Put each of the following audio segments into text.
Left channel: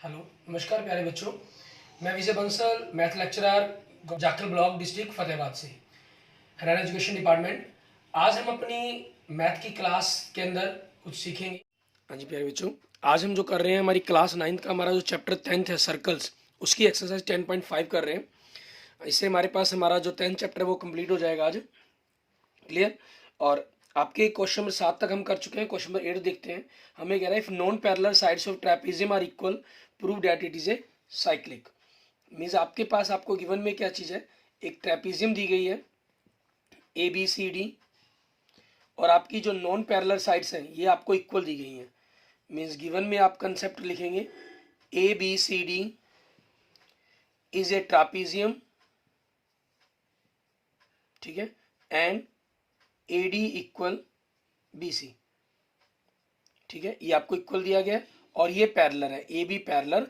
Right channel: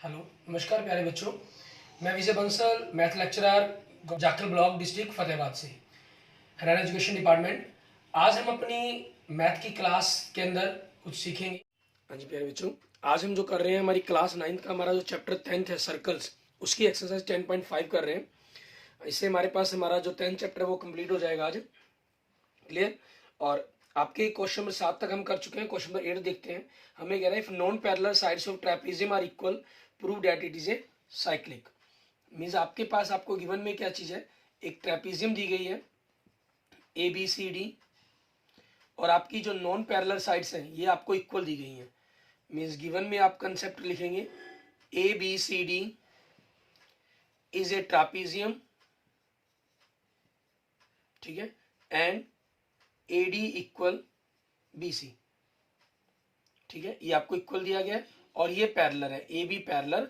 Hello, नमस्कार प्यारे बच्चों। मैं Vijay Bansal, math lecturer, Jakhal block, district Fatehabad से, हरियाणा एजुकेशन डिपार्टमेंट। आज हम अपनी मैथ की क्लास के अंदर कुछ सीखेंगे। हाँ जी प्यारे बच्चों, आज हम जो कर रहे हैं, हमारी क्लास 9th का हमारा जो चैप्टर 10th है सर्कल्स, उसकी एक्सरसाइज 10.5 कर रहे हैं। इससे हमारे पास हमारा जो 10th चैप्टर है वो कंप्लीट हो जाएगा आज। क्लियर। और आपके क्वेश्चन नंबर 7 तक हम कर चुके हैं। क्वेश्चन नंबर 8 देखते हैं। हमें कह रहा है if non parallel sides of trapezium are equal prove that it is a cyclic. Means आपके पास आपको गिवन में क्या चीज है, एक ट्रेपेजियम दी गई है ए बी सी डी, और आपकी जो नॉन पैरेलल साइड्स हैं ये आपको इक्वल दी गई हैं। मीन्स गिवन में आप कंसेप्ट लिखेंगे A B C D is a trapezium, ठीक है, and A D equal B C, ठीक है, ये आपको इक्वल दिया गया है और ये पैरेलल है, A B parallel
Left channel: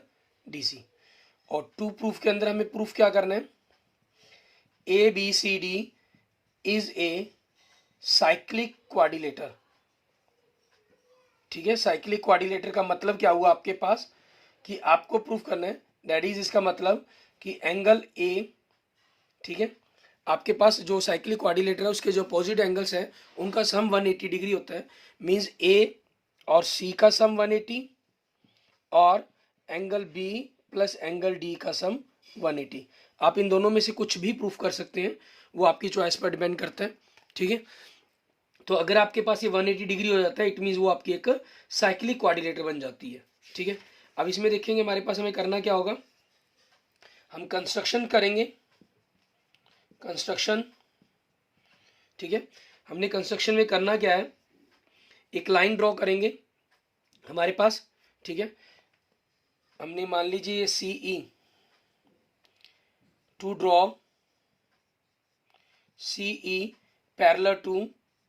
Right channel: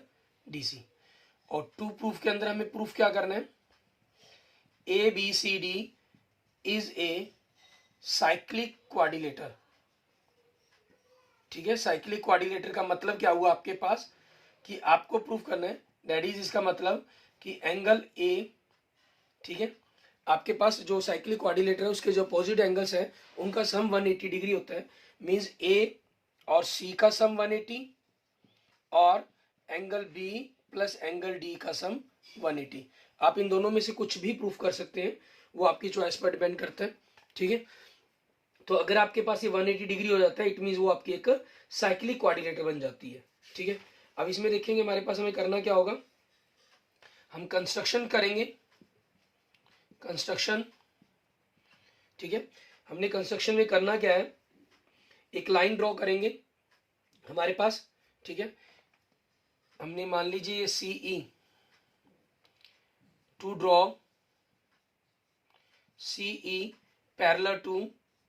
D C. और टू प्रूफ के अंदर हमें प्रूफ क्या करना है, A B C D is a cyclic quadrilateral, ठीक है। साइक्लिक क्वाड्रिलेटर का मतलब क्या हुआ आपके पास कि आपको प्रूफ करना है, दैट इज इसका मतलब कि एंगल ए, ठीक है, आपके पास जो साइक्लिक क्वाड्रिलेटर है उसके जो अपोजिट एंगल्स है उनका सम 180 डिग्री होता है। मींस ए और सी का सम 180 और angle B plus angle D का सम 180। आप इन दोनों में से कुछ भी प्रूफ कर सकते हैं, वो आपकी चॉइस पर डिपेंड करता है, ठीक है। तो अगर आपके पास ये 180 डिग्री हो जाता है, इट मीन्स वो आपकी एक साइक्लिक क्वाड्रिलेटर बन जाती है, ठीक है। अब इसमें देखेंगे हमारे पास हमें करना क्या होगा, हम कंस्ट्रक्शन करेंगे, कंस्ट्रक्शन, ठीक है। हमने कंस्ट्रक्शन में करना क्या है, एक लाइन ड्रॉ करेंगे हमारे पास, ठीक है। हमने मान लीजिए ये C E to draw C E parallel to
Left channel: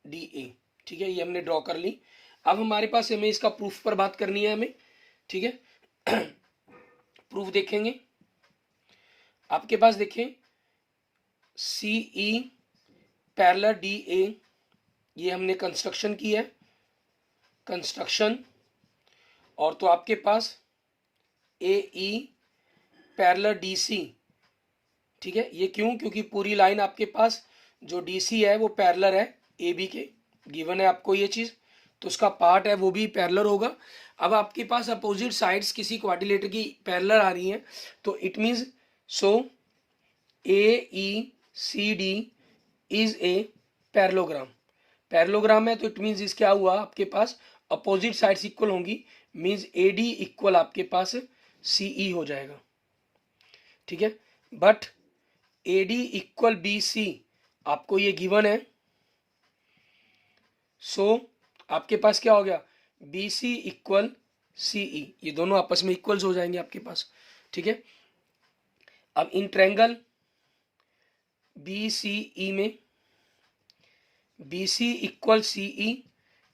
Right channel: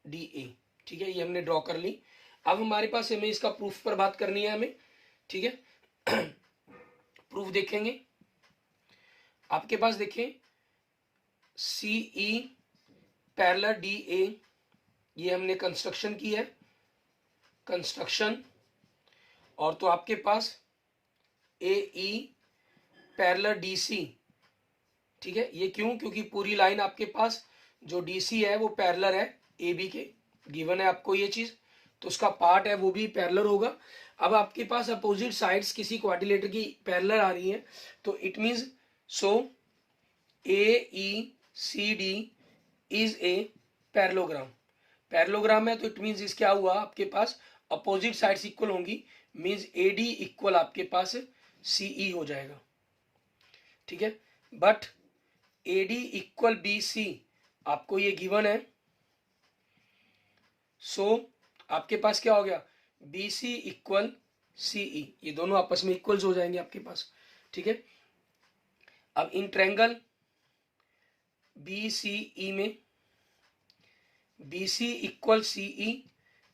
D A, ठीक है, ये हमने ड्रॉ कर ली। अब हमारे पास हमें इसका प्रूफ पर बात करनी है हमें, ठीक है। प्रूफ देखेंगे आपके पास, देखें सी ई पैरेलल डी ए, ये हमने कंस्ट्रक्शन की है, कंस्ट्रक्शन। और तो आपके पास ए ई पैरेलल डी सी, ठीक है, ये क्यों, क्योंकि पूरी लाइन आपके पास जो डी सी है वो पैरेलल है ए बी के, गिवन है आपको ये चीज, तो उसका पार्ट है वो भी पैरेलल होगा। अब आपके पास अपोजिट साइड्स किसी क्वाड्रिलेटर की पैरेलल आ रही हैं, तो it means so A E C D is a parallelogram. Parallelogram है तो इट मींस इस क्या हुआ आपके पास अपोजिट साइड्स इक्वल होंगी, मींस ए डी इक्वल आपके पास सी ई हो जाएगा, ठीक है। But A D equal B C आपको ये गिवन है, सो आपके पास क्या हो गया, बी सी इक्वल सी ई, ये दोनों आपस में इक्वल्स हो जाएंगे आपके पास, ठीक है। अब इन ट्रायंगल बी सी ई में बी सी इक्वल सी ई,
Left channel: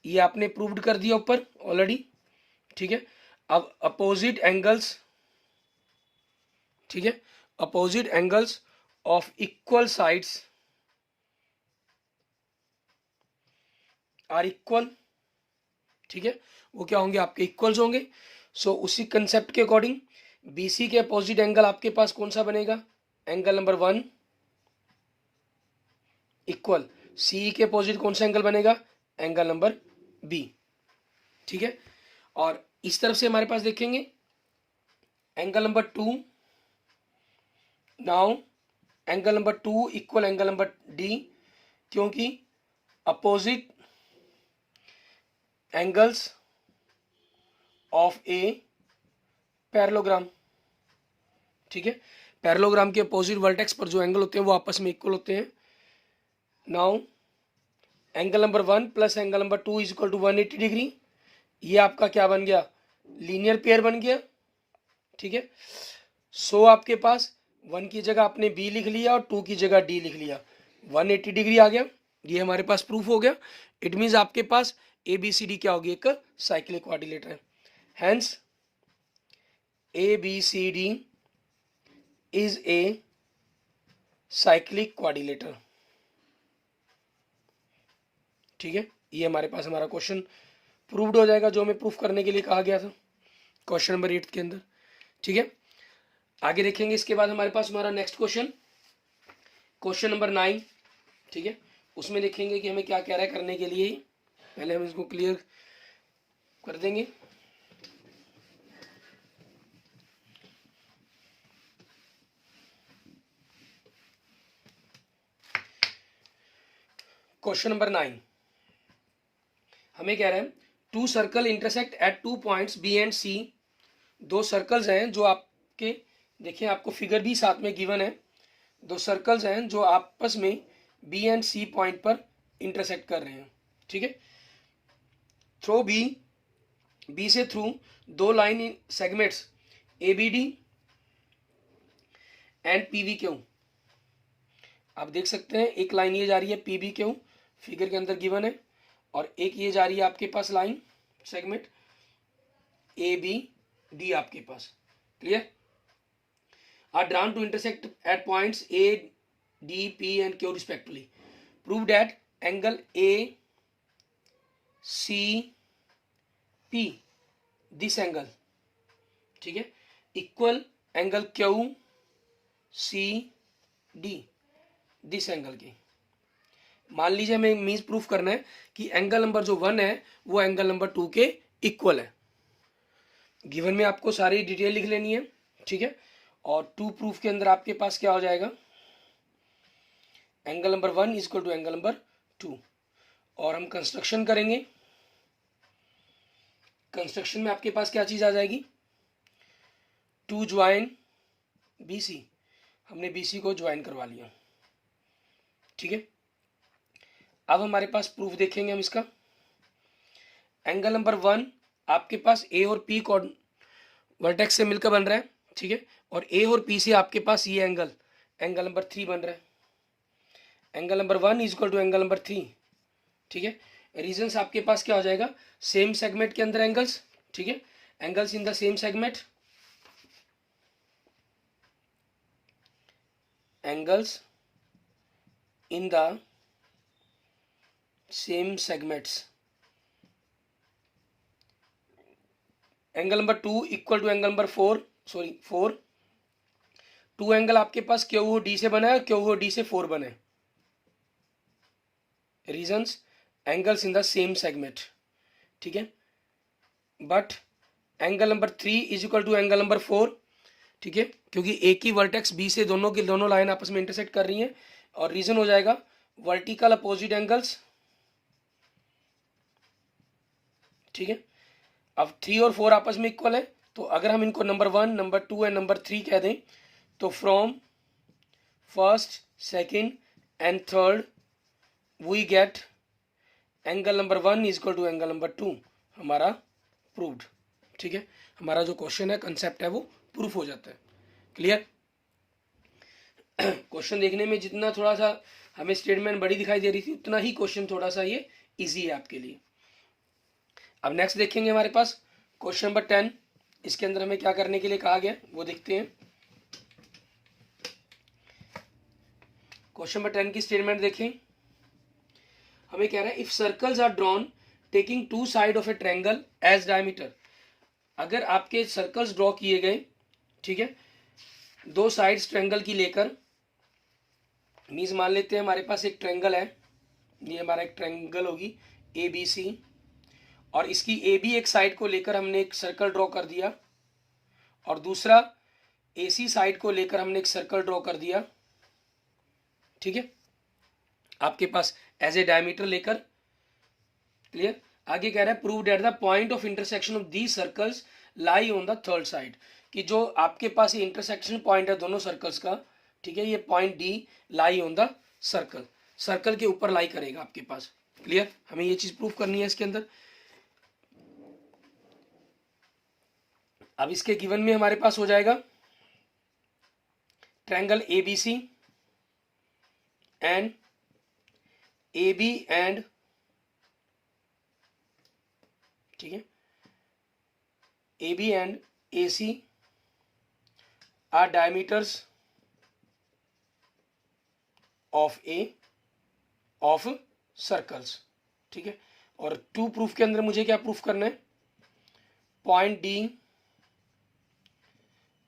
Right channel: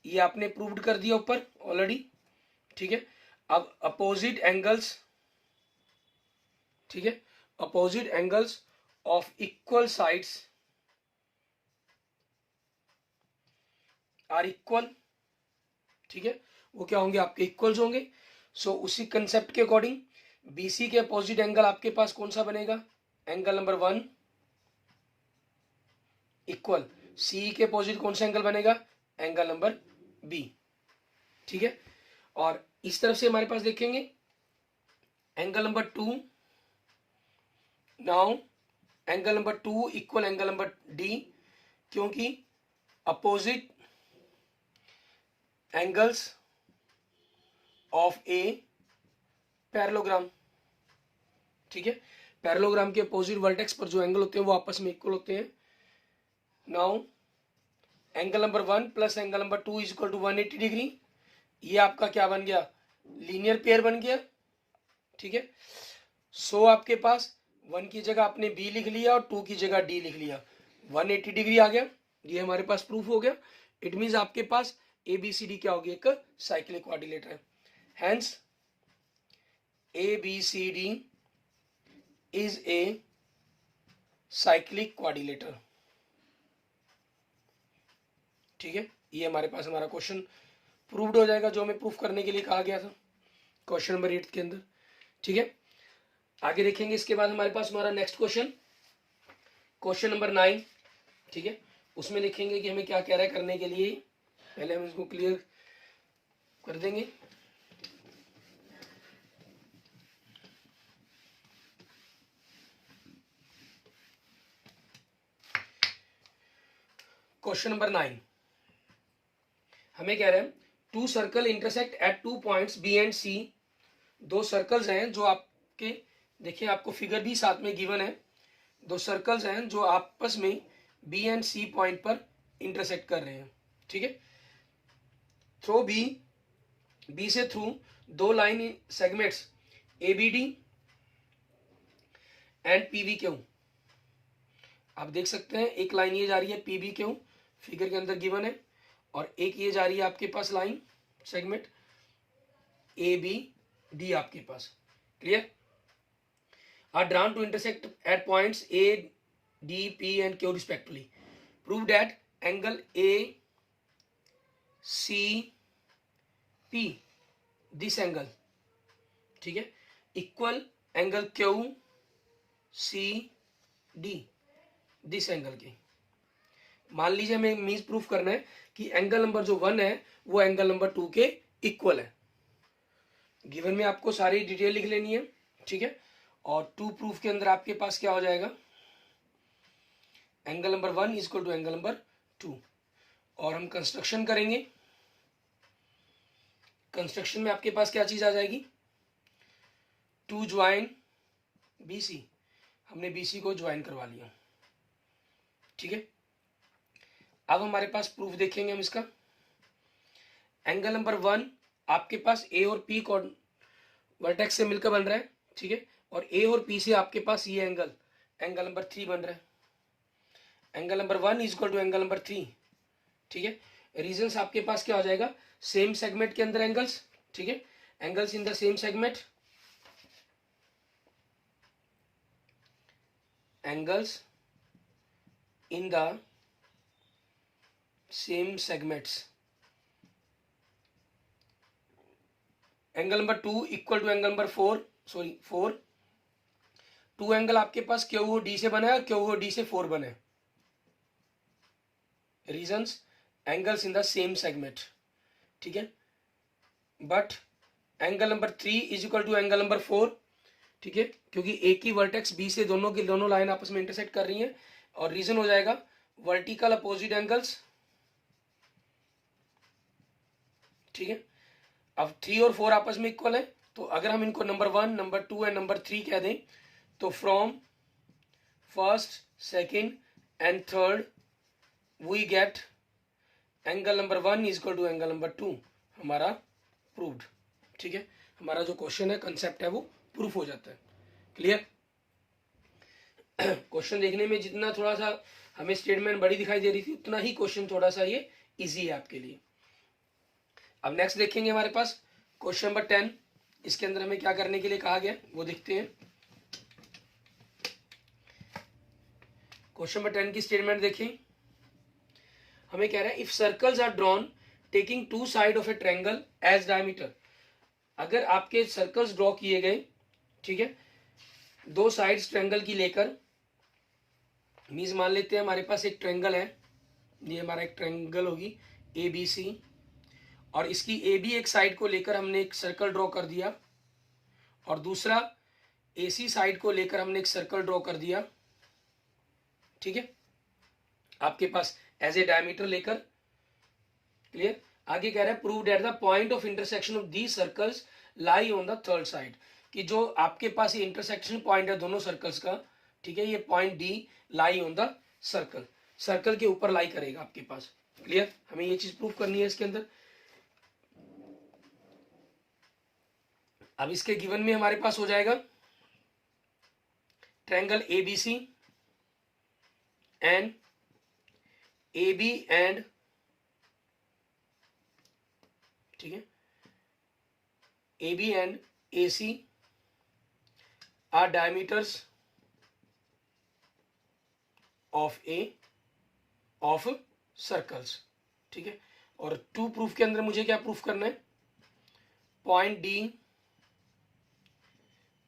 ये आपने प्रूव्ड कर दिया ऊपर ऑलरेडी, ठीक है। अब अपोजिट एंगल्स, ठीक है, opposite angles of equal sides are equal, ठीक है, वो क्या होंगे आपके इक्वल्स होंगे। सो उसी कंसेप्ट के अकॉर्डिंग बीसी के अपोजिट एंगल आपके पास कौन सा बनेगा, एंगल नंबर 1 इक्वल सी के अपोजिट कौन सा एंगल बनेगा, एंगल नंबर बी, ठीक है। और इस तरफ से हमारे पास देखेंगे angle number 2, now angle number 2 equal angle number D, क्योंकि opposite angles of a parallelogram, ठीक है। पैरेललोग्राम के अपोजिट वर्टेक्स पर जो एंगल होते हैं वो आपस में इक्वल होते हैं। Now angle number 1 plus angle number 2 is equal to 180 degree, ये आपका क्या बन गया, लीनियर पेयर बन गया, ठीक है। सो आपके पास 1 की जगह आपने बी लिख लिया और 2 की जगह डी लिख लिया, 180 डिग्री आ गया, ये हमारे पास प्रूफ हो गया। इट मीन्स आपके पास ए बी सी डी क्या होगी, एक साइक्लिक क्वाड्रिलेटर है। Hence A B C D is a cyclic quadrilateral, ठीक है। ये हमारे पास हमारा क्वेश्चन प्रूव्ड हो जाएगा जो हमें प्रूफ करने के लिए कहा गया था क्वेश्चन नंबर 8 के अंदर। ठीक है, आगे देखेंगे। इसके बाद हमारे पास हमारा नेक्स्ट क्वेश्चन, क्वेश्चन नंबर 9, ठीक है, उसमें देखेंगे कि हमें क्या कह रहा है करने के लिए। पहले हम इसको क्लियर कर देंगे। क्वेश्चन नंबर 9 हमें कह रहा है two circle intersect at 2 points B and C. दो सर्कल्स हैं जो आपके, देखिए आपको फिगर भी साथ में गिवन है। दो सर्कल्स हैं जो आपस में बी एंड सी पॉइंट पर इंटरसेक्ट कर रहे हैं, ठीक है। थ्रो बी से थ्रू दो line segments A B D and P V Q. आप देख सकते हैं एक लाइन ये जा रही है पी बी क्यू, फिगर के अंदर गिवन है, और एक ये जा रही है आपके पास line segment A B D आपके पास। Clear? Are drawn to intersect at points A D P and Q respectively. Prove that angle A C P, this angle, ठीक है, equal angle Q C D, this angle के। मान लीजिए हमें means proof करना है कि एंगल नंबर जो 1 है वो एंगल नंबर 2 के इक्वल है। गिवन में आपको सारी डिटेल लिख लेनी है, ठीक है। और 2 प्रूफ के अंदर आपके पास क्या हो जाएगा, angle number 1 is equal to angle number 2। और हम कंस्ट्रक्शन करेंगे। कंस्ट्रक्शन में आपके पास क्या चीज आ जाएगी, टू ज्वाइन BC। हमने BC को ज्वाइन करवा लिया, ठीक है। अब हमारे पास प्रूफ देखेंगे हम इसका। एंगल नंबर 1 आपके पास A और P को वर्टेक्स से मिलकर बन रहा है, ठीक है। और A और P से आपके पास ये एंगल एंगल नंबर 3 बन रहा है। Angle number 1 is equal to angle number 3, ठीक है। रीजंस आपके पास क्या हो जाएगा, सेम सेगमेंट के अंदर एंगल्स, ठीक है, angles in the same segment, angles in the same segments. Angle number 2 equal to angle number 4। 2 angle आपके पास क्यू ओ डी से बना है, क्यू ओ डी से 4 बने। Reasons angles in the same segment, ठीक है। But angle number 3 is equal to angle number 4, ठीक है, क्योंकि एक ही वर्टेक्स बी से दोनों की दोनों लाइन आपस में इंटरसेक्ट कर रही हैं। और रीजन हो जाएगा वर्टिकल अपोजिट एंगल्स, ठीक है। अब 3 और 4 आपस में इक्वल है, तो अगर हम इनको नंबर 1, नंबर 2 एंड नंबर 3 कह दें, तो from first, second and third we get angle number 1 is equal to angle number 2। हमारा प्रूव्ड, ठीक है। हमारा जो क्वेश्चन है, कंसेप्ट है, वो प्रूफ हो जाता है। क्लियर? क्वेश्चन देखने में जितना थोड़ा सा हमें स्टेटमेंट बड़ी दिखाई दे रही थी, उतना ही क्वेश्चन थोड़ा सा ये इजी है आपके लिए। अब नेक्स्ट देखेंगे हमारे पास क्वेश्चन नंबर 10। इसके अंदर हमें क्या करने के लिए कहा गया वो देखते हैं। क्वेश्चन नंबर 10 की स्टेटमेंट देखें। हमें कह रहा है if circles are drawn taking 2 side of a triangle as diameter. अगर आपके सर्कल्स ड्रॉ किए गए, ठीक है, 2 साइड्स ट्रायंगल की लेकर, मीन्स मान लेते हैं हमारे पास एक ट्रायंगल है, ये हमारा एक ट्रायंगल होगी ABC, और इसकी AB एक साइड को लेकर हमने एक सर्कल ड्रॉ कर दिया, और दूसरा AC साइड को लेकर हमने एक सर्कल ड्रॉ कर दिया, ठीक है, आपके पास एज ए डायमीटर लेकर। क्लियर? आगे कह रहा है prove that the point of intersection of these circles lie on the third side, कि जो आपके पास ये इंटरसेक्शन पॉइंट है दोनों सर्कल्स का, ठीक है, ये point D lie on the circle, circle के ऊपर लाई करेगा आपके पास। क्लियर? हमें ये चीज प्रूव करनी है इसके अंदर। अब इसके गिवन में हमारे पास हो जाएगा triangle ABC and AB and, ठीक है, AB and AC are diameters of of circles, ठीक है। और 2 प्रूफ के अंदर मुझे क्या प्रूफ करना है, point D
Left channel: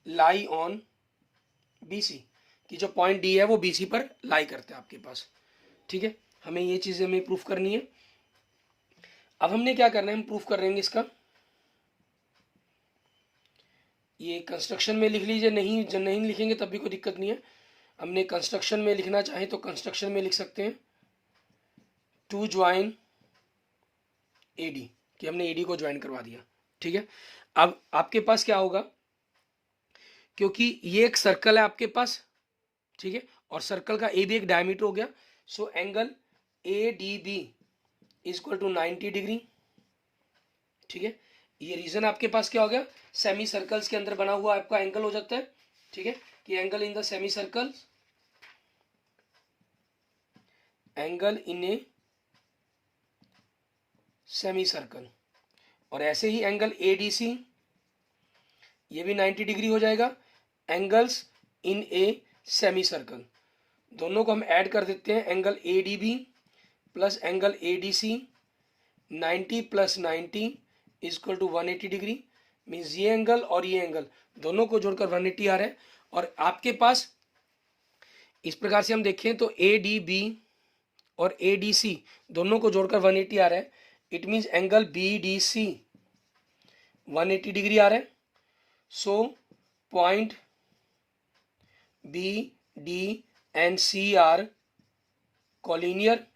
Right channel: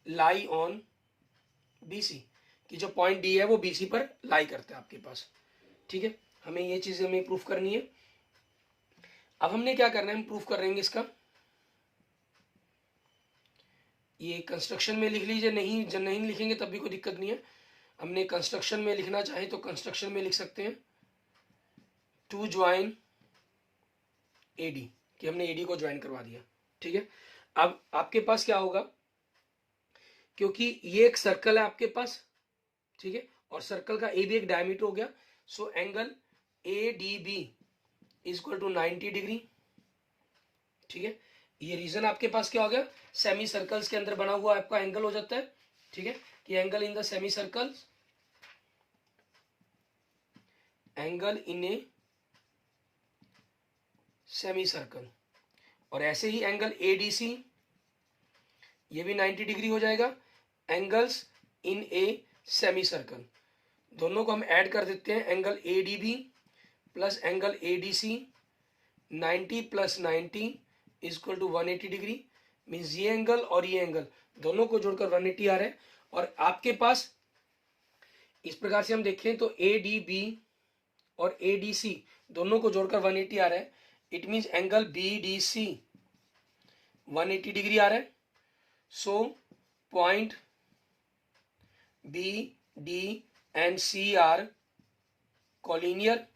lie on BC, कि जो पॉइंट D है वो BC पर लाई करता है आपके पास। ठीक है, हमें ये चीज़ हमें प्रूफ करनी है। अब हमने क्या करना है, हम प्रूफ कर लेंगे इसका। ये कंस्ट्रक्शन में लिख लीजिए, नहीं जब नहीं लिखेंगे तब भी कोई दिक्कत नहीं है। हमने कंस्ट्रक्शन में लिखना चाहे तो कंस्ट्रक्शन में लिख सकते हैं, टू ज्वाइन AD, कि हमने AD को ज्वाइन करवा दिया। ठीक है, अब आपके पास क्या होगा, क्योंकि ये एक सर्कल है आपके पास, ठीक है, और सर्कल का AB एक डायमीटर हो गया, so angle ADB equal to 90 degree. ठीक है, ये रीजन आपके पास क्या हो गया, सेमी सर्कल्स के अंदर बना हुआ आपका एंगल हो जाता है। ठीक है, कि angle in the semi circle, angle in a semi circle, और ऐसे ही एंगल ADC ये भी 90 डिग्री हो जाएगा, angles in a semi circle. दोनों को हम ऐड कर देते हैं, angle ADB plus angle ADC, 90 plus 90 equal to 180 degree. Means ये एंगल और ये एंगल दोनों को जोड़कर 180 आ रहा है। और आपके पास इस प्रकार से हम देखें तो ADB और ADC दोनों को जोड़कर 180 आ रहा है। It means angle BDC 180 degree आ रहा है। So point B, D and C are collinear.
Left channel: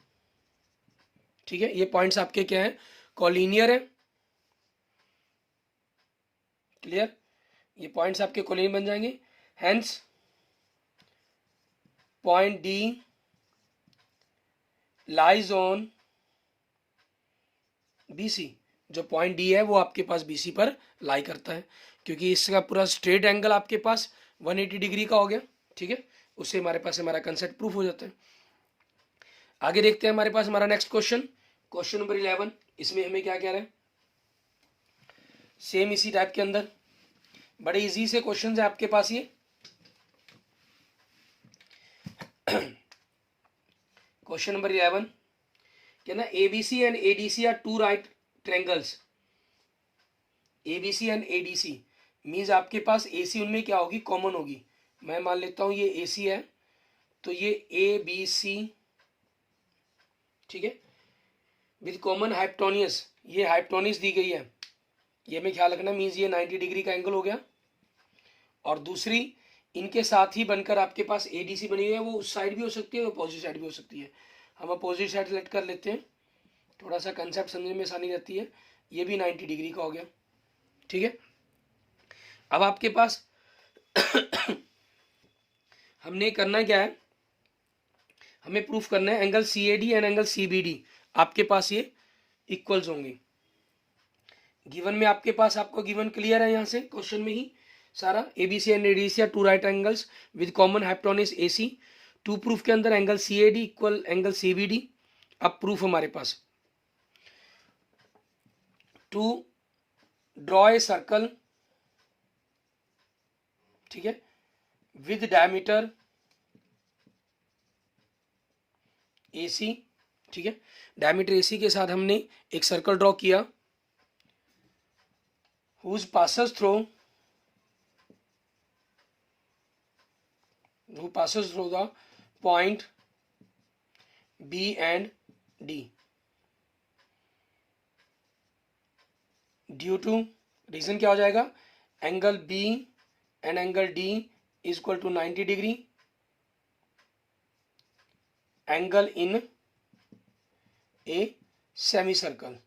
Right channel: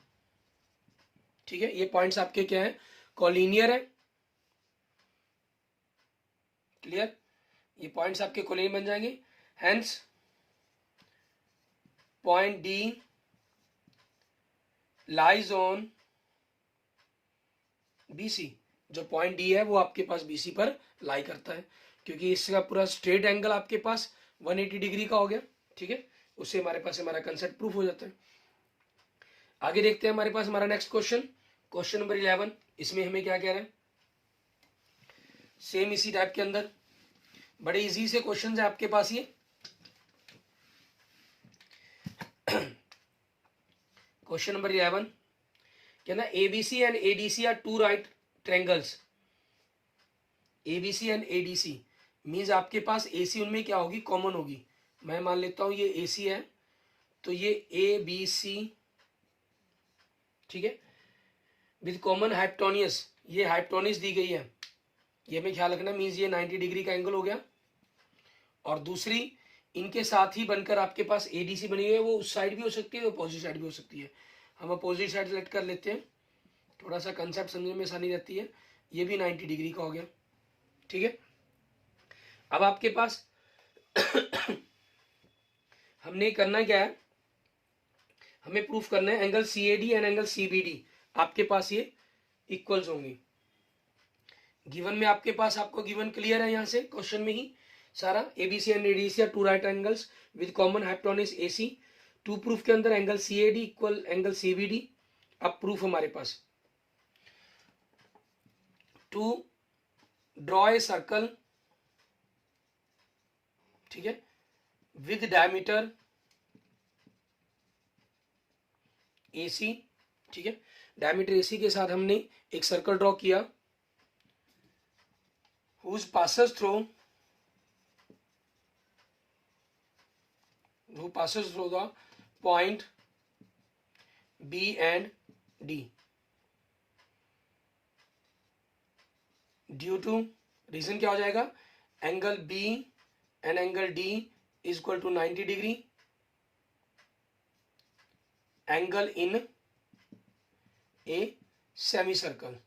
ठीक है, ये पॉइंट्स आपके क्या है, कॉलिनियर है। क्लियर, ये पॉइंट्स आपके कॉलिनियर बन जाएंगे। Hence point D lies on BC, जो पॉइंट D है वो आपके पास BC पर लाई करता है, क्योंकि इसका पूरा स्ट्रेट एंगल आपके पास 180 डिग्री का हो गया। ठीक है, उससे हमारे पास हमारा कंसेप्ट प्रूफ हो जाता है। आगे देखते हैं हमारे पास हमारा नेक्स्ट क्वेश्चन, क्वेश्चन नंबर 11। इसमें हमें क्या कह रहे हैं, सेम इसी टाइप के अंदर बड़े इजी से क्वेश्चन है आपके पास ये। क्वेश्चन नंबर 11 क्या ना, ABC and ADC are two right triangles. ABC and ADC means आपके पास AC उनमें क्या होगी, कॉमन होगी। मैं मान लेता हूं ये AC है, तो ये ABC, ठीक है, विद कॉमन हाइपोटेन्यूज, ये हाइपोटेन्यूज दी गई है, ये हमें ख्याल रखना। मीन्स ये 90 डिग्री का एंगल हो गया। और दूसरी इनके साथ ही बनकर आपके पास ADC बनी हुई है, वो उस साइड भी हो सकती है, अपोजिट साइड भी हो सकती है। हम अपोजिट साइड सेलेक्ट कर लेते हैं, थोड़ा सा कंसेप्ट समझने में आसानी रहती है। ये भी 90 डिग्री का हो गया। ठीक है, अब आपके पास हमने करना क्या है, हमें प्रूफ करना है angle CAD and angle CBD आपके पास ये इक्वल्स होंगे। गिवन में आपके पास आपको गिवन क्लियर है, यहां से क्वेश्चन में ही सारा। ABC and ADC are two right angles with common hypotenuse AC। To proof के अंदर angle CAD equal angle CBD। अब प्रूफ हमारे पास, टू ड्रॉ ए सर्कल, ठीक है, विद डायमीटर AC। ठीक है, डायमीटर AC के साथ हमने एक सर्कल ड्रॉ किया, whose passes through the point B and D due to, reason क्या हो जाएगा, angle B and angle D is equal to 90 degree, angle in a semi circle.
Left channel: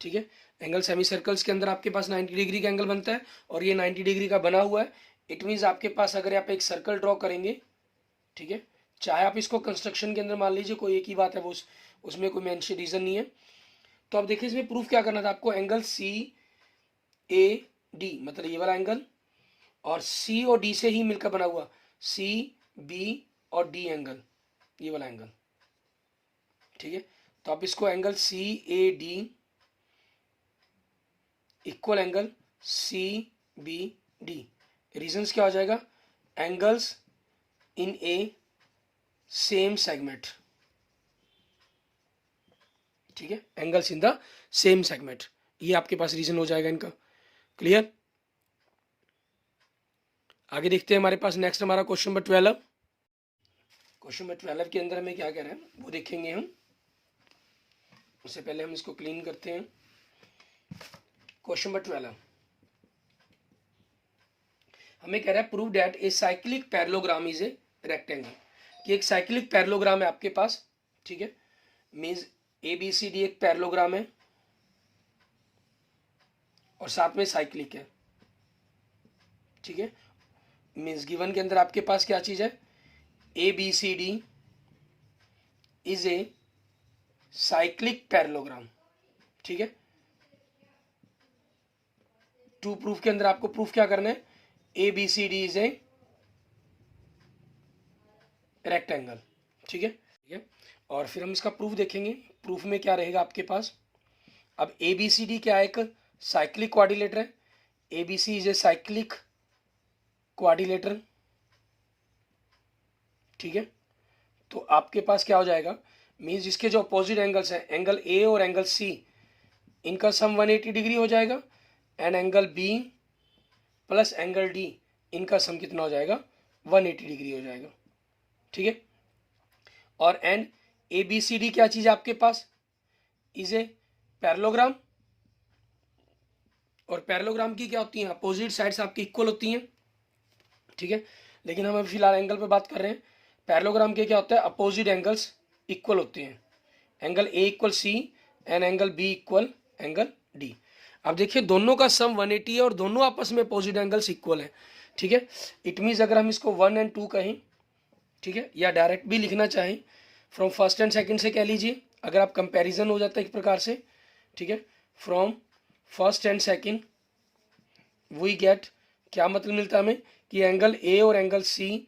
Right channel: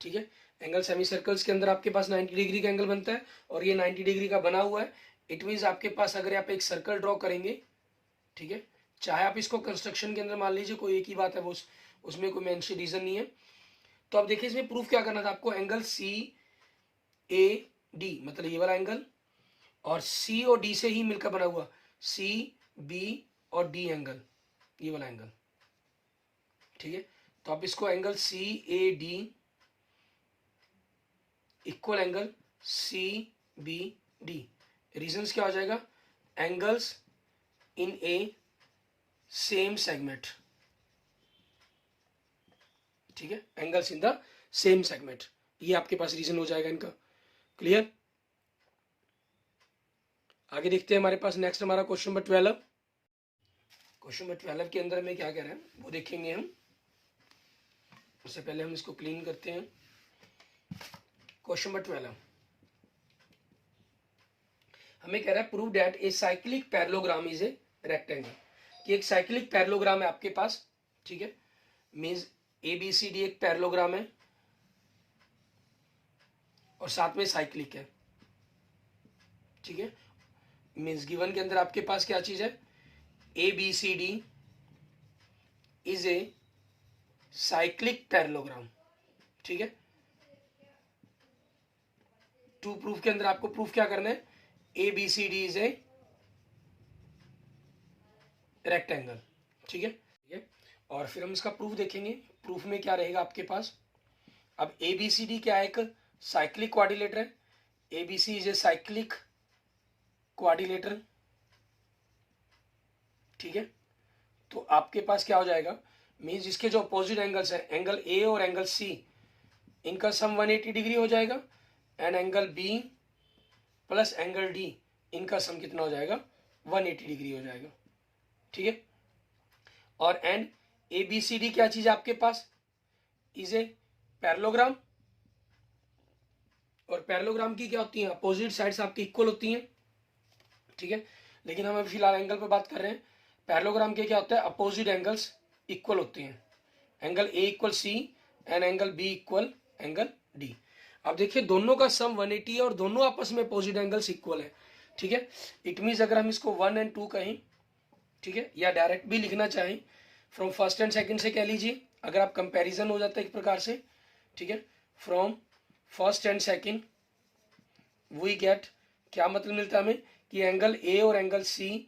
ठीक है, एंगल सेमी सर्कल्स के अंदर आपके पास 90 डिग्री का एंगल बनता है, और ये 90 डिग्री का बना हुआ है। इट मीन्स आपके पास अगर आप एक सर्कल ड्रॉ करेंगे, ठीक है, चाहे आप इसको कंस्ट्रक्शन के अंदर मान लीजिए, कोई एक ही बात है, वो उसमें कोई मेंशन रीजन नहीं है। तो अब देखिए इसमें प्रूफ क्या करना था आपको, एंगल CAD मतलब ये वाला एंगल, और C और D से ही मिलकर बना हुआ CB और D एंगल, ये वाला एंगल। ठीक है, तो आप इसको angle CAD equal angle CBD, reasons क्या हो जाएगा, angles in a same segment. ठीक है, angles in the same segment, ये आपके पास रीजन हो जाएगा इनका। क्लियर, आगे देखते हैं हमारे पास नेक्स्ट हमारा क्वेश्चन नंबर 12। क्वेश्चन नंबर 12 के अंदर हमें क्या कह रहा है वो देखेंगे हम। उससे पहले हम इसको क्लीन करते हैं। क्वेश्चन नंबर 12 हमें कह रहा है prove that a cyclic parallelogram is a rectangle, कि एक साइक्लिक पैरेललोग्राम है आपके पास, ठीक है, मीन्स ABCD एक पैरेललोग्राम है और साथ में साइक्लिक है, ठीक है। मीन्स गिवन के अंदर आपके पास क्या चीज है, ABCD is a cyclic parallelogram, ठीक है। टू प्रूफ के अंदर आपको प्रूफ क्या करना है, ABCD इज ए रेक्टेंगल, ठीक है, ठीक है। और फिर हम इसका प्रूफ देखेंगे। प्रूफ में क्या रहेगा आपके पास, अब ABCD क्या है, एक साइक्लिक क्वाड्रिलेटर है। ABC is a cyclic quadrilateral, ठीक है। तो आपके पास क्या हो जाएगा, मीन्स जिसके जो अपोजिट एंगल्स हैं, एंगल A और एंगल C, इनका सम 180 डिग्री हो जाएगा, and angle B plus angle D, इनका सम कितना हो जाएगा, 180 डिग्री हो जाएगा, ठीक है। और एंड ABCD क्या चीज है आपके पास, इज ए पैरेललोग्राम, और पैरेललोग्राम की क्या होती है, अपोजिट साइड्स आपकी इक्वल होती हैं, ठीक है। लेकिन हम अभी फिलहाल एंगल पे बात कर रहे हैं। पैरेललोग्राम के क्या होता है, अपोजिट एंगल्स इक्वल होते हैं, angle A equal C and angle B equal angle D। अब देखिए दोनों का सम 180 है और दोनों आपस में अपोजिट एंगल्स इक्वल है, ठीक है। इट मीन्स अगर हम इसको 1 एंड 2 कहें, ठीक है, या डायरेक्ट भी लिखना चाहें, फ्रॉम फर्स्ट एंड सेकंड से कह लीजिए, अगर आप कंपैरिजन हो जाता है एक प्रकार से, ठीक है, from first and second we get, क्या मतलब मिलता है हमें, कि एंगल A और एंगल C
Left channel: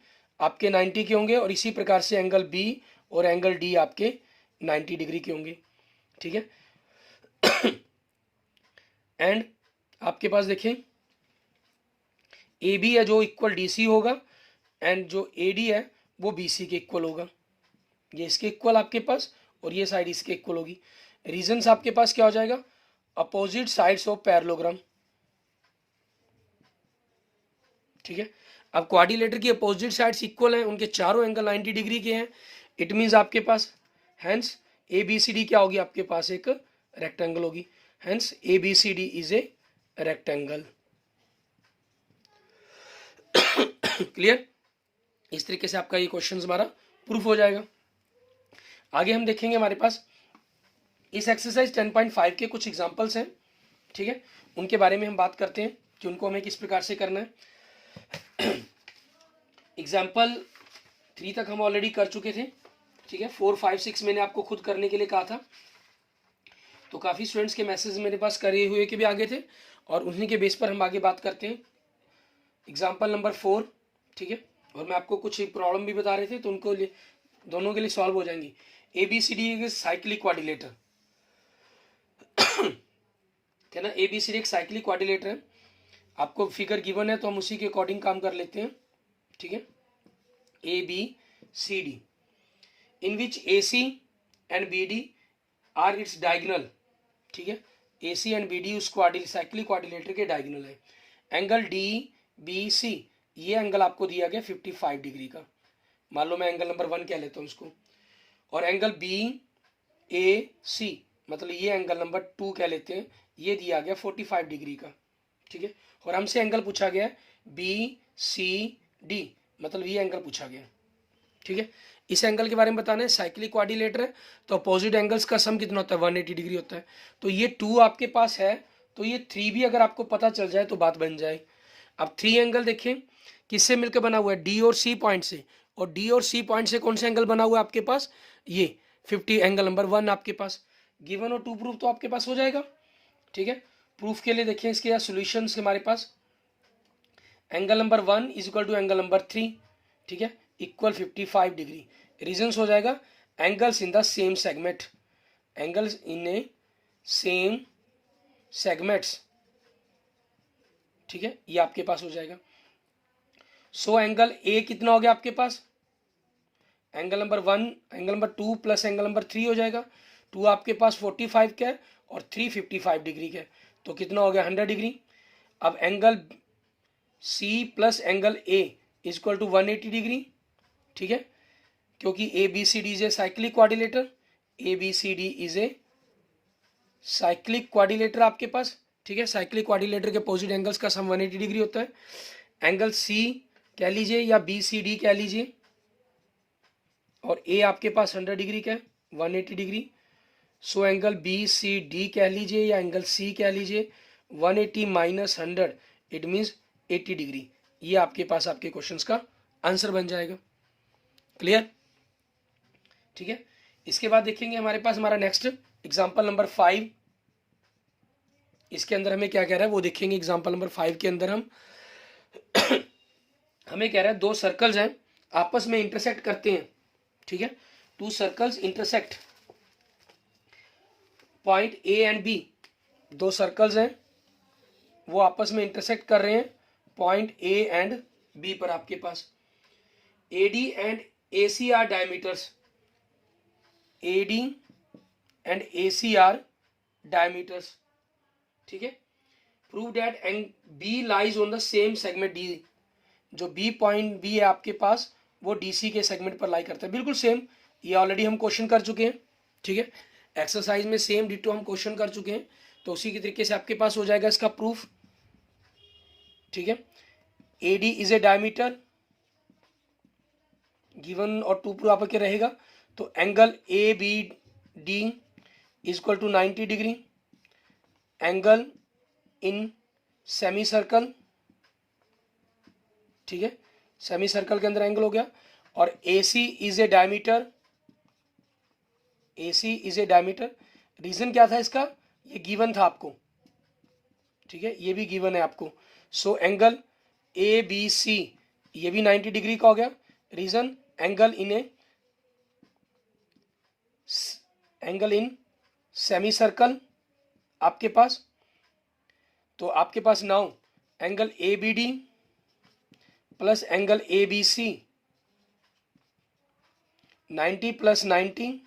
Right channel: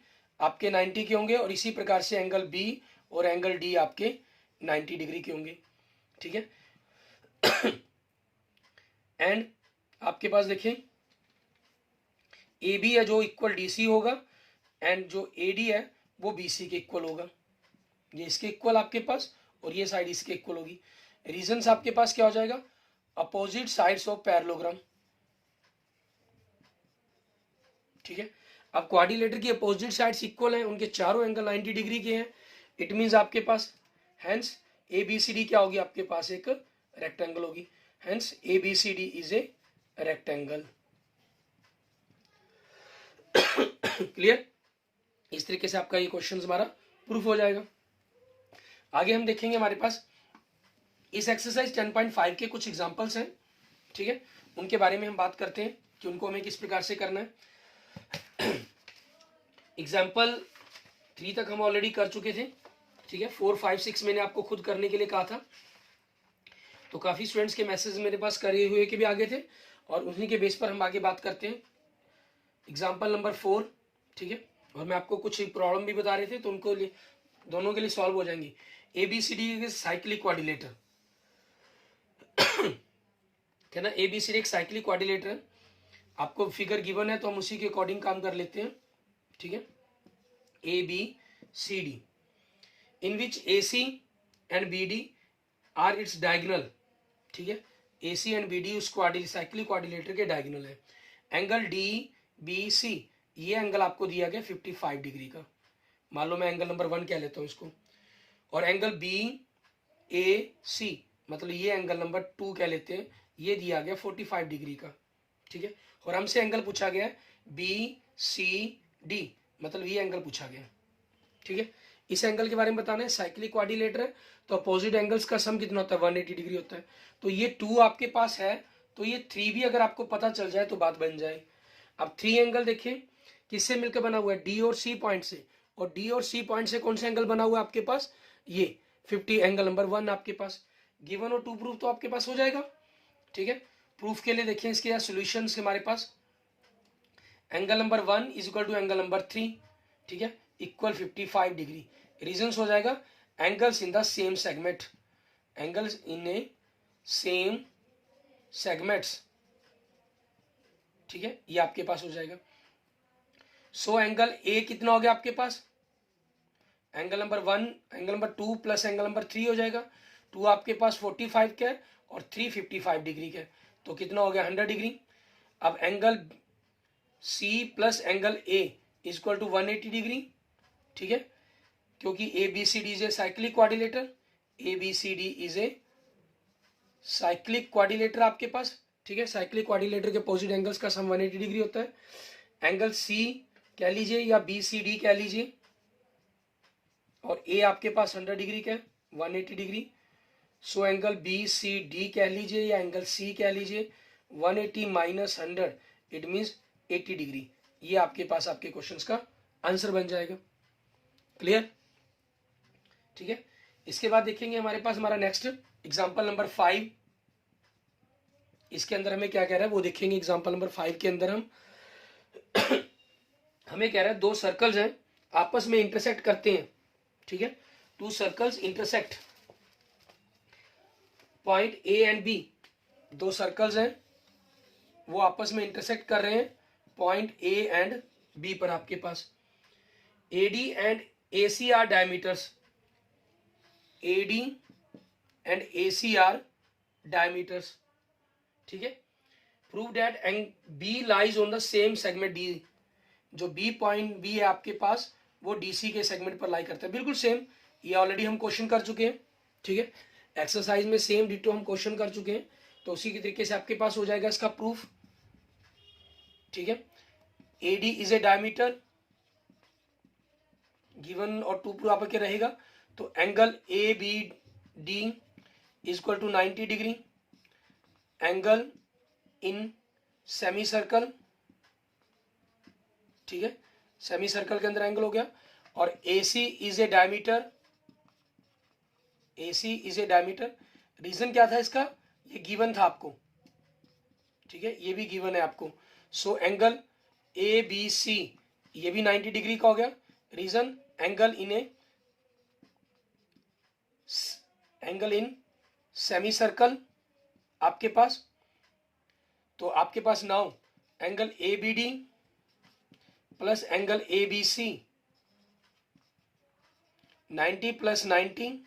आपके 90 के होंगे और इसी प्रकार से एंगल B और एंगल D आपके 90 डिग्री के होंगे, ठीक है। एंड आपके पास देखें AB है जो इक्वल DC होगा, एंड जो AD है वो BC के इक्वल होगा। ये इसके इक्वल आपके पास और ये साइड इसके इक्वल होगी। रीजंस आपके पास क्या हो जाएगा, अपोजिट साइड्स ऑफ पैरेललोग्राम, ठीक है। अब क्वाड्रिलेटर की अपोजिट साइड्स इक्वल हैं, उनके चारों एंगल 90 डिग्री के हैं। इट मींस आपके पास हेंस ABCD क्या होगी, आपके पास एक रेक्टेंगल होगी, hence ABCD is a rectangle. Clear, इस तरीके से आपका ये क्वेश्चन हमारा प्रूफ हो जाएगा। आगे हम देखेंगे हमारे पास इस एक्सरसाइज 10.5 के कुछ एग्जांपल्स हैं, ठीक है, उनके बारे में हम बात करते हैं कि उनको हमें किस प्रकार से करना है। एग्जाम्पल 3 तक हम ऑलरेडी कर चुके थे, ठीक है। 4, 5, 6 मैंने आपको खुद करने के लिए कहा था, तो काफ़ी स्टूडेंट्स के मैसेज मेरे पास करे हुए के भी आगे थे और उन्हीं के बेस पर हम आगे बात करते हैं। एग्जाम्पल नंबर 4, ठीक है, और मैं आपको कुछ प्रॉब्लम भी बता रहे थे तो उनको दोनों के लिए सॉल्व हो जाएंगी। ABCD एक साइक्लिक क्वाड्रिलेटर, क्या ना, ABCD एक साइक्लिक क्वाड्रिलेटर है। आपको फिगर गिवन है तो हम उसी के अकॉर्डिंग काम कर लेते हैं, ठीक है। ABCD in which AC and BD are its diagonal, ठीक है। AC एंड BD उस साइक्लिक क्वाड्रिलेटर के डायगोनल है। एंगल DBC, ये एंगल आपको दिया गया 55 डिग्री का, मान लो मैं एंगल नंबर 1 कह लेता हूँ इसको, और एंगल BAC मतलब ये एंगल नंबर 2 कह लेते हैं, ये दिया गया 45 डिग्री का, ठीक है। और हमसे एंगल पूछा गया है BCD, मतलब ये एंगल पूछा गया, ठीक है। इस एंगल के बारे में बताना है, साइक्लिक क्वाड्रिलेटर है तो अपोजिट एंगल्स का सम कितना होता है, 180 डिग्री होता है। तो ये 2 आपके पास है, तो ये 3 भी अगर आपको पता चल जाए तो बात बन जाए। अब 3 एंगल देखें किससे मिलकर बना हुआ है, D और C पॉइंट से, और D और C पॉइंट से कौन सा एंगल बना हुआ है आपके पास, ये 50 एंगल नंबर 1 आपके पास गिवन, और 2 प्रूफ तो आपके पास हो जाएगा, ठीक है। प्रूफ के लिए देखिए इसके सॉल्यूशन हमारे पास, angle number 1 is equal to angle number 3, ठीक है, इक्वल 55 डिग्री। रीजंस हो जाएगा angles in the same segment, angles in a same segments, ठीक है, ये आपके पास हो जाएगा। सो एंगल A कितना हो गया आपके पास, angle number 1 angle number 2 plus angle number 3 हो जाएगा। 2 आपके पास 45 का है और 3 55 डिग्री का है, तो कितना हो गया 100 डिग्री। अब angle C plus angle A is equal to 180 degree, ठीक है, क्योंकि A B C D is a cyclic quadrilateral, A B C D is a cyclic quadrilateral आपके पास, ठीक है। साइक्लिक क्वाड्रिलेटर के अपोजिट एंगल्स का सम 180 डिग्री होता है। एंगल सी कह लीजिए या बी सी डी कह लीजिए, और ए आपके पास 100 डिग्री का 180 degree. So angle B C D कह लीजिए या एंगल सी कह लीजिए, 180 माइनस 100 इट मीन्स 80 डिग्री। ये आपके पास आपके क्वेश्चंस का आंसर बन जाएगा। क्लियर, ठीक है। इसके बाद देखेंगे हमारे पास हमारा नेक्स्ट एग्जाम्पल नंबर 5। इसके अंदर हमें क्या कह रहा है वो देखेंगे। एग्जाम्पल नंबर 5 के अंदर हम हमें कह रहा है दो सर्कल्स हैं आपस में इंटरसेक्ट करते हैं, ठीक है। Two circles intersect point A and B, दो सर्कल्स हैं वो आपस में इंटरसेक्ट कर रहे हैं पॉइंट ए एंड बी पर। आपके पास AD and AC are diameters, AD and AC are diameters, ठीक है। Prove that and B lies on the same segment D, जो बी पॉइंट बी है आपके पास वो डीसी के सेगमेंट पर लाई करता है। बिल्कुल सेम, ये ऑलरेडी हम क्वेश्चन कर चुके हैं, ठीक है। एक्सरसाइज में सेम डिटो हम क्वेश्चन कर चुके हैं, तो उसी के तरीके से आपके पास हो जाएगा इसका प्रूफ, ठीक है। AD is a diameter given और टू प्रूफ आपके रहेगा, तो angle A B D is equal to 90 degree. Angle in semi circle, ठीक है, सेमी सर्कल के अंदर एंगल हो गया। और AC is a diameter, AC is a diameter. Reason क्या था इसका, ये गिवन था आपको, ठीक है, ये भी गिवन है आपको। सो एंगल ABC ये भी 90 डिग्री का हो गया। Reason angle in semi circle आपके पास। तो आपके पास now angle ABD plus angle ABC 90 plus 90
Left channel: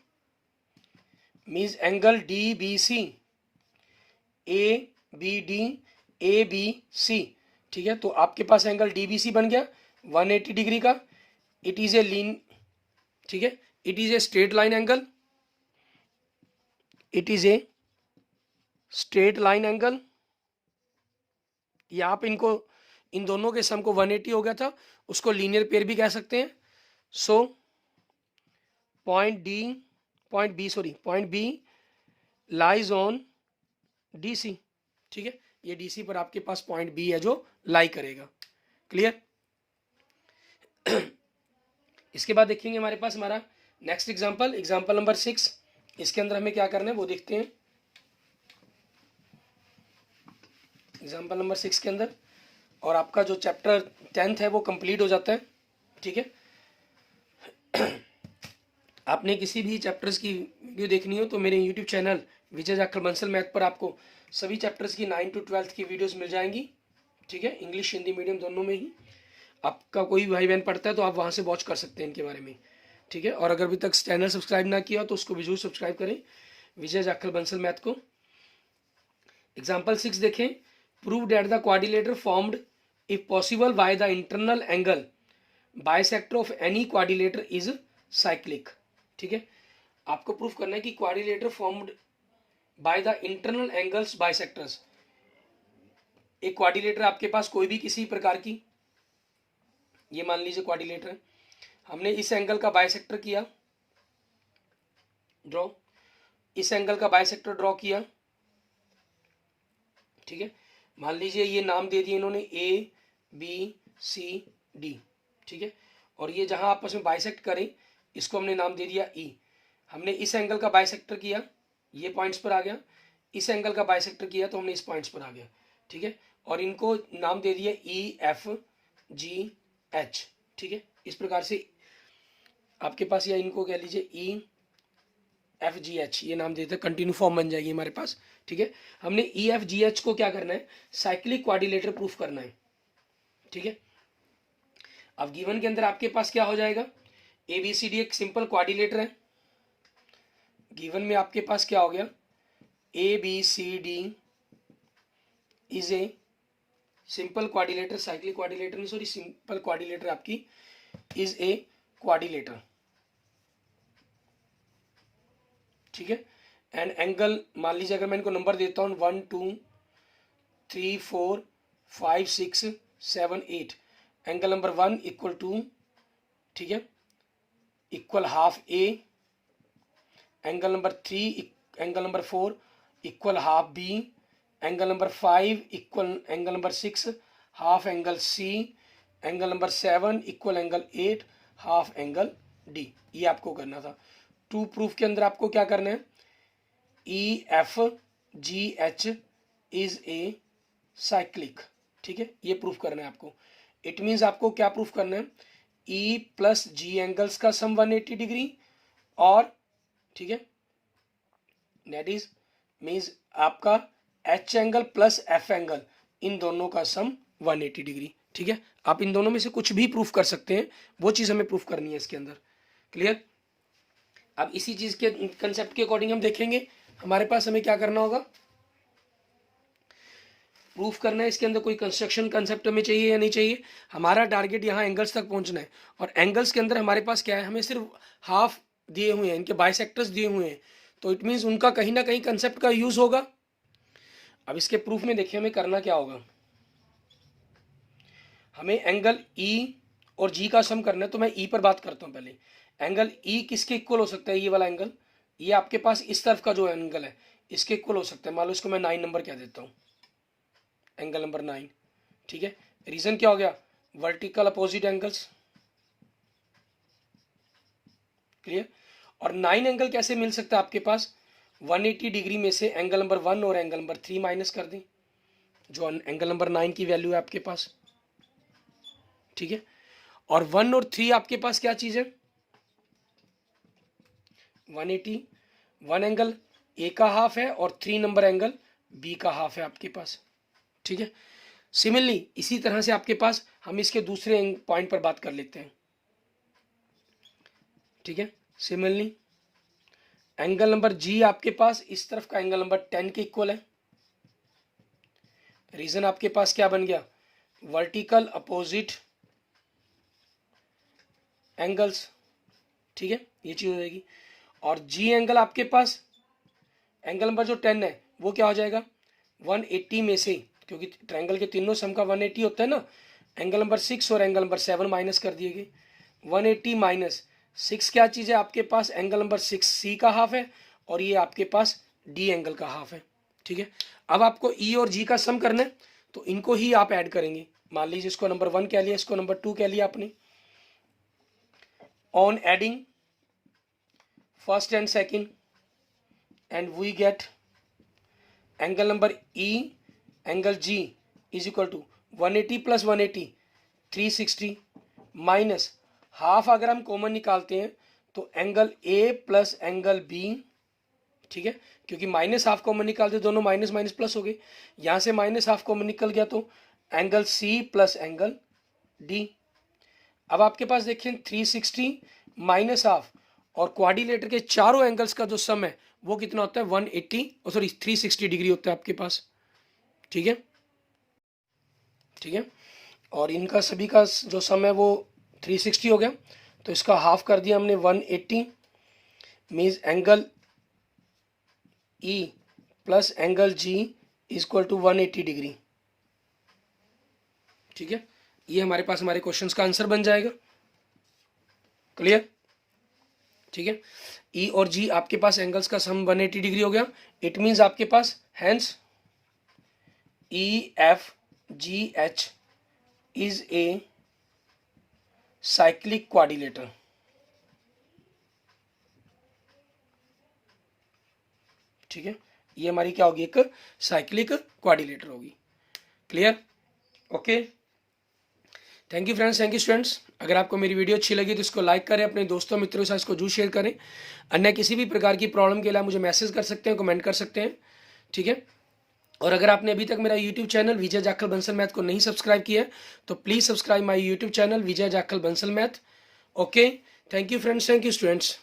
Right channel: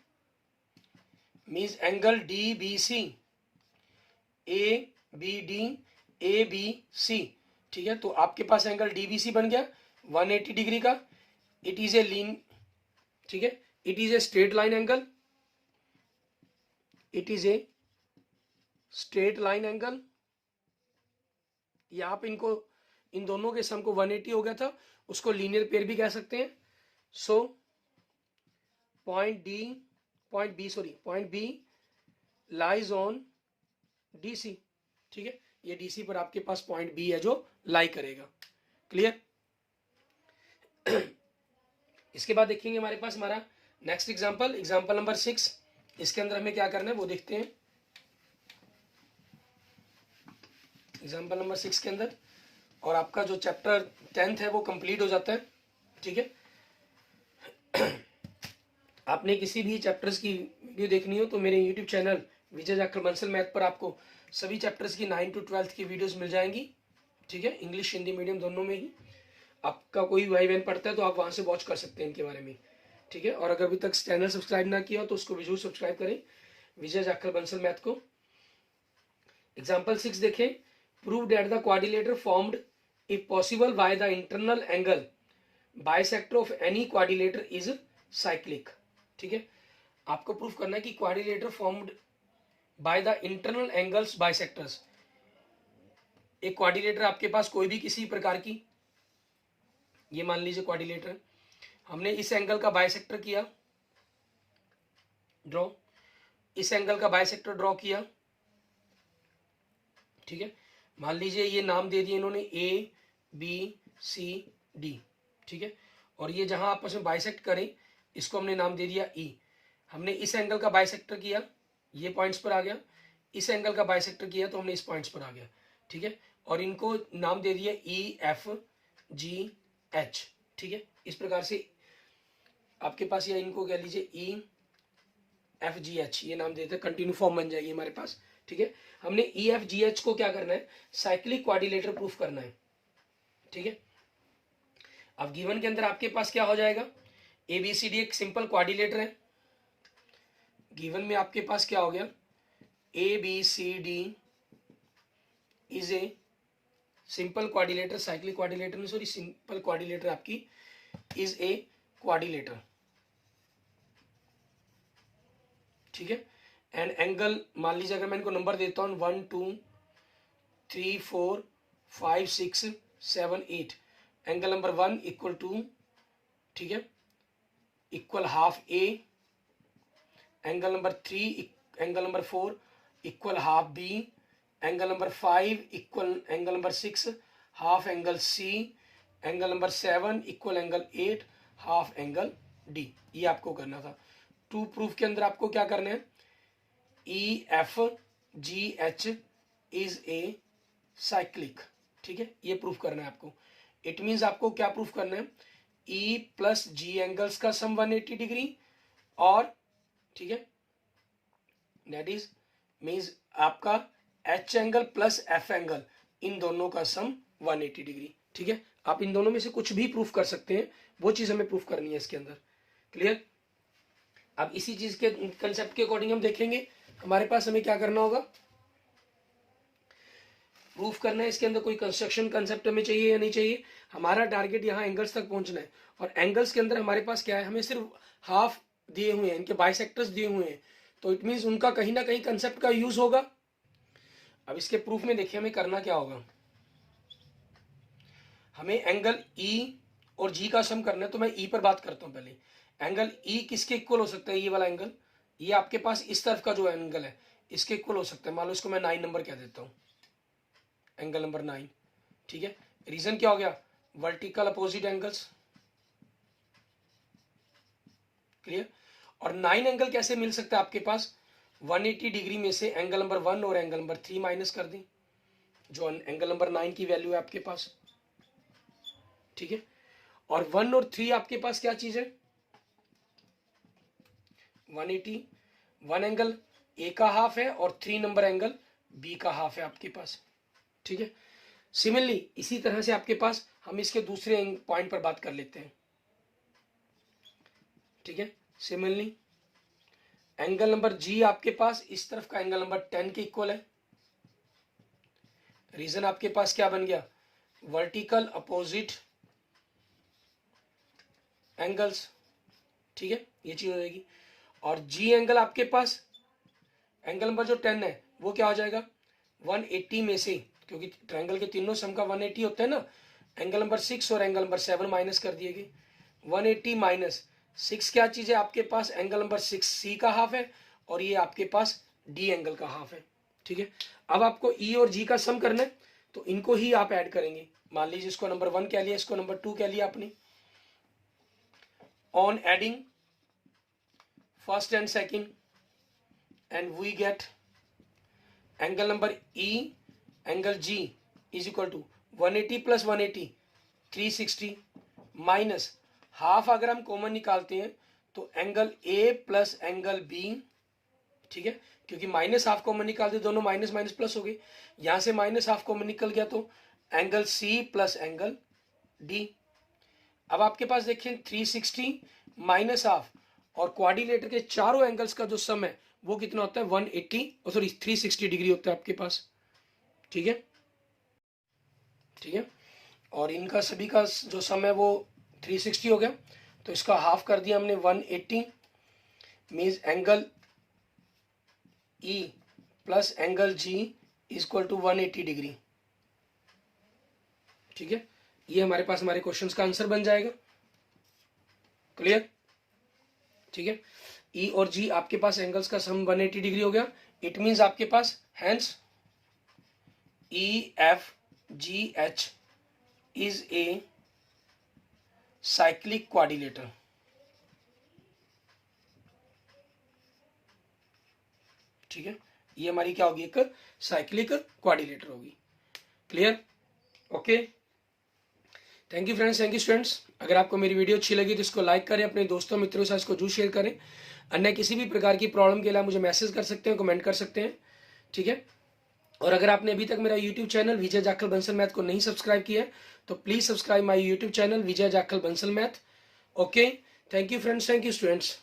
means angle DBC ABD ABC, ठीक है। तो आपके पास एंगल DBC बन गया 180 डिग्री का। इट इज ए लीन, ठीक है, it is a straight line angle, it is a straight line angle. या आप इनको इन दोनों के सम को 180 हो गया था, उसको लीनियर पेयर भी कह सकते हैं। So point B lies on DC, ठीक है। ये DC पर आपके पास पॉइंट बी है जो लाई करेगा। क्लियर। इसके बाद देखेंगे हमारे पास हमारा नेक्स्ट एग्जांपल, एग्जांपल नंबर 6। इसके अंदर हमें क्या करना है वो देखते हैं। एग्जांपल नंबर 6 के अंदर और आपका जो चैप्टर 10th है वो कंप्लीट हो जाता है, ठीक है। आपने किसी भी चैप्टर्स की वीडियो देखनी हो तो मेरे यूट्यूब चैनल विजय जाखड़ बंसल मैथ पर आपको सभी चैप्टर्स की 9 to 12th की वीडियोस मिल जाएंगी, ठीक है। इंग्लिश हिंदी मीडियम दोनों में ही। आपका कोई भाई बहन पढ़ता है तो आप वहाँ से वॉच कर सकते हैं इनके बारे में, ठीक है। और अगर अभी तक चैनल सब्सक्राइब ना किया तो उसको भी जरूर सब्सक्राइब करें, विजय जाखड़ बंसल मैथ को। एग्जाम्पल 6 देखें। Prove that the quadrilateral formed if possible by the internal angle bisector of any quadrilateral is cyclic, ठीक है। आपको प्रूफ करना है कि quadrilateral formed by the internal angles bisectors. एक क्वाड्रिलेटर आपके पास कोई भी किसी प्रकार की, ये मान लीजिए क्वाड्रिलेटर है, हमने इस एंगल का बाइसेक्टर किया ड्रॉ, इस एंगल का बाइसेक्टर ड्रॉ किया, ठीक है। मान लीजिए ये नाम दे दिए इन्होंने ABCD, ठीक है। और ये जहां आपस में बाइसेक्ट करें इसको हमने नाम दे दिया E। हमने इस एंगल का बाइसेक्टर किया, ये पॉइंट्स पर आ गया। इस एंगल का बाइसेक्टर किया तो हमने इस पॉइंट्स पर आ गया, ठीक है। और इनको नाम दे दिया EFGH, ठीक है। इस प्रकार से आपके पास, या इनको कह लीजिए EFGH, ये नाम देते हैं, कंटिन्यू फॉर्म बन जाएगी हमारे पास, ठीक है। हमने EFGH को क्या करना है, साइक्लिक क्वाड्रिलेटर प्रूफ करना है, ठीक है। अब गिवन के अंदर आपके पास क्या हो जाएगा, ABCD एक सिंपल क्वाड्रिलेटर है। गिवन में आपके पास क्या हो गया, ABCD is a simple quadrilateral, cyclic quadrilateral नहीं, सॉरी, सिंपल क्वाड्रिलेटर आपकी इज ए क्वाड्रिलेटर, ठीक है। एंड एंगल मान लीजिए अगर मैं इनको नंबर देता हूँ 1 2 3 4 5 6 7 8, एंगल नंबर 1 इक्वल टू, ठीक है, equal half A, angle number 3, angle number 4 equal half B, angle number 5 equal angle number 6 half angle C, angle number 7 equal angle 8 half angle D. ये आपको करना था। टू प्रूफ के अंदर आपको क्या करना है, ई F G H is a cyclic, ठीक है, ये प्रूफ करना है आपको। इट मीन्स आपको क्या प्रूफ करना है, ई प्लस जी एंगल्स का सम 180 डिग्री, और ठीक है, दैट इज मीन्स आपका H angle plus F angle, इन दोनों का सम 180 डिग्री, ठीक है। आप इन दोनों में से कुछ भी प्रूफ कर सकते हैं, वो चीज हमें प्रूफ करनी है इसके अंदर। क्लियर। अब इसी चीज के कंसेप्ट के अकॉर्डिंग हम देखेंगे हमारे पास हमें क्या करना होगा, प्रूफ करना है। इसके अंदर कोई कंस्ट्रक्शन कंसेप्ट हमें चाहिए या नहीं चाहिए, हमारा टारगेट यहाँ एंगल्स तक पहुंचना है। और एंगल्स के अंदर हमारे पास क्या है, हमें सिर्फ हाफ दिए हुए हैं, इनके बाइसेक्टर्स दिए हुए हैं, तो इट मीन्स उनका कहीं ना कहीं कंसेप्ट का यूज होगा। अब इसके प्रूफ में देखिए हमें करना क्या होगा, हमें एंगल ई और जी का सम करना है। तो मैं ई पर बात करता हूं पहले। एंगल ई किसके इक्वल हो सकता है, ये वाला एंगल, ये आपके पास इस तरफ का जो एंगल है इसके इक्वल हो सकता है। मान लो इसको मैं 9 नंबर क्या देता हूं, एंगल नंबर 9, ठीक है। रीजन क्या हो गया, वर्टिकल अपोजिट एंगल्स, क्लियर। और 9 एंगल कैसे मिल सकता है आपके पास, 180 डिग्री में से एंगल नंबर 1 और एंगल नंबर 3 माइनस कर दें, जो एंगल नंबर 9 की वैल्यू है आपके पास, ठीक है। और 1 और 3 आपके पास क्या चीज है, 180, 1 एंगल ए का हाफ है और 3 नंबर एंगल बी का हाफ है आपके पास, ठीक है। सिमिलरली इसी तरह से आपके पास हम इसके दूसरे पॉइंट पर बात कर लेते हैं, ठीक है। सिमिलरली एंगल नंबर जी आपके पास इस तरफ का एंगल नंबर 10 के इक्वल है। रीजन आपके पास क्या बन गया, वर्टिकल अपोजिट एंगल्स, ठीक है, ये चीज हो जाएगी। और जी एंगल आपके पास एंगल नंबर जो 10 है वो क्या हो जाएगा, 180 में से, क्योंकि ट्रायंगल के तीनों सम का 180 होता है ना, एंगल नंबर 6 और एंगल नंबर 7 माइनस कर दिए गए। 180 माइनस 6 क्या चीज है आपके पास, एंगल नंबर 6 सी का हाफ है, और ये आपके पास डी एंगल का हाफ है, ठीक है। अब आपको ई और जी का सम करना है, तो इनको ही आप ऐड करेंगे। मान लीजिए इसको नंबर 1 कह लिया, इसको नंबर 2 कह लिया आपने। On adding first and second, and we get angle number E angle G is equal to 180 plus 180 360 minus half, अगर हम कॉमन निकालते हैं तो angle A plus angle B, ठीक है, क्योंकि माइनस हाफ कॉमन निकालते दोनों माइनस माइनस प्लस हो गए, यहां से माइनस हाफ कॉमन निकल गया तो angle C plus angle D. अब आपके पास देखिए 360 माइनस हाफ, और क्वाड्रिलेटर के चारों एंगल्स का जो सम है वो कितना होता है, 180 और सॉरी 360 डिग्री होता है आपके पास, ठीक है, ठीक है। और इनका सभी का जो सम है वो 360 हो गया, तो इसका हाफ कर दिया हमने 180, means angle E plus angle G equal to 180 degree, ठीक है। ये हमारे पास हमारे क्वेश्चंस का आंसर बन जाएगा। क्लियर, ठीक है। ई और जी आपके पास एंगल्स का सम 180 डिग्री हो गया। इट मींस आपके पास hence E F G H is a cyclic quadrilateral, ठीक है। ये हमारी क्या होगी, एक साइक्लिक क्वाड्रिलेटर होगी। Clear, okay. Thank you friends, thank you students. अगर आपको मेरी वीडियो अच्छी लगी तो इसको लाइक करें, अपने दोस्तों मित्रों के साथ इसको जरूर शेयर करें। अन्य किसी भी प्रकार की प्रॉब्लम के लिए मुझे मैसेज कर सकते हैं, कमेंट कर सकते हैं, ठीक है। और अगर आपने अभी तक मेरा यूट्यूब चैनल विजय जाखल बंसल मैथ को नहीं सब्सक्राइब किया है तो please subscribe my YouTube channel Vijay Jakhal Bansal math. Okay, thank you friends, thank you students.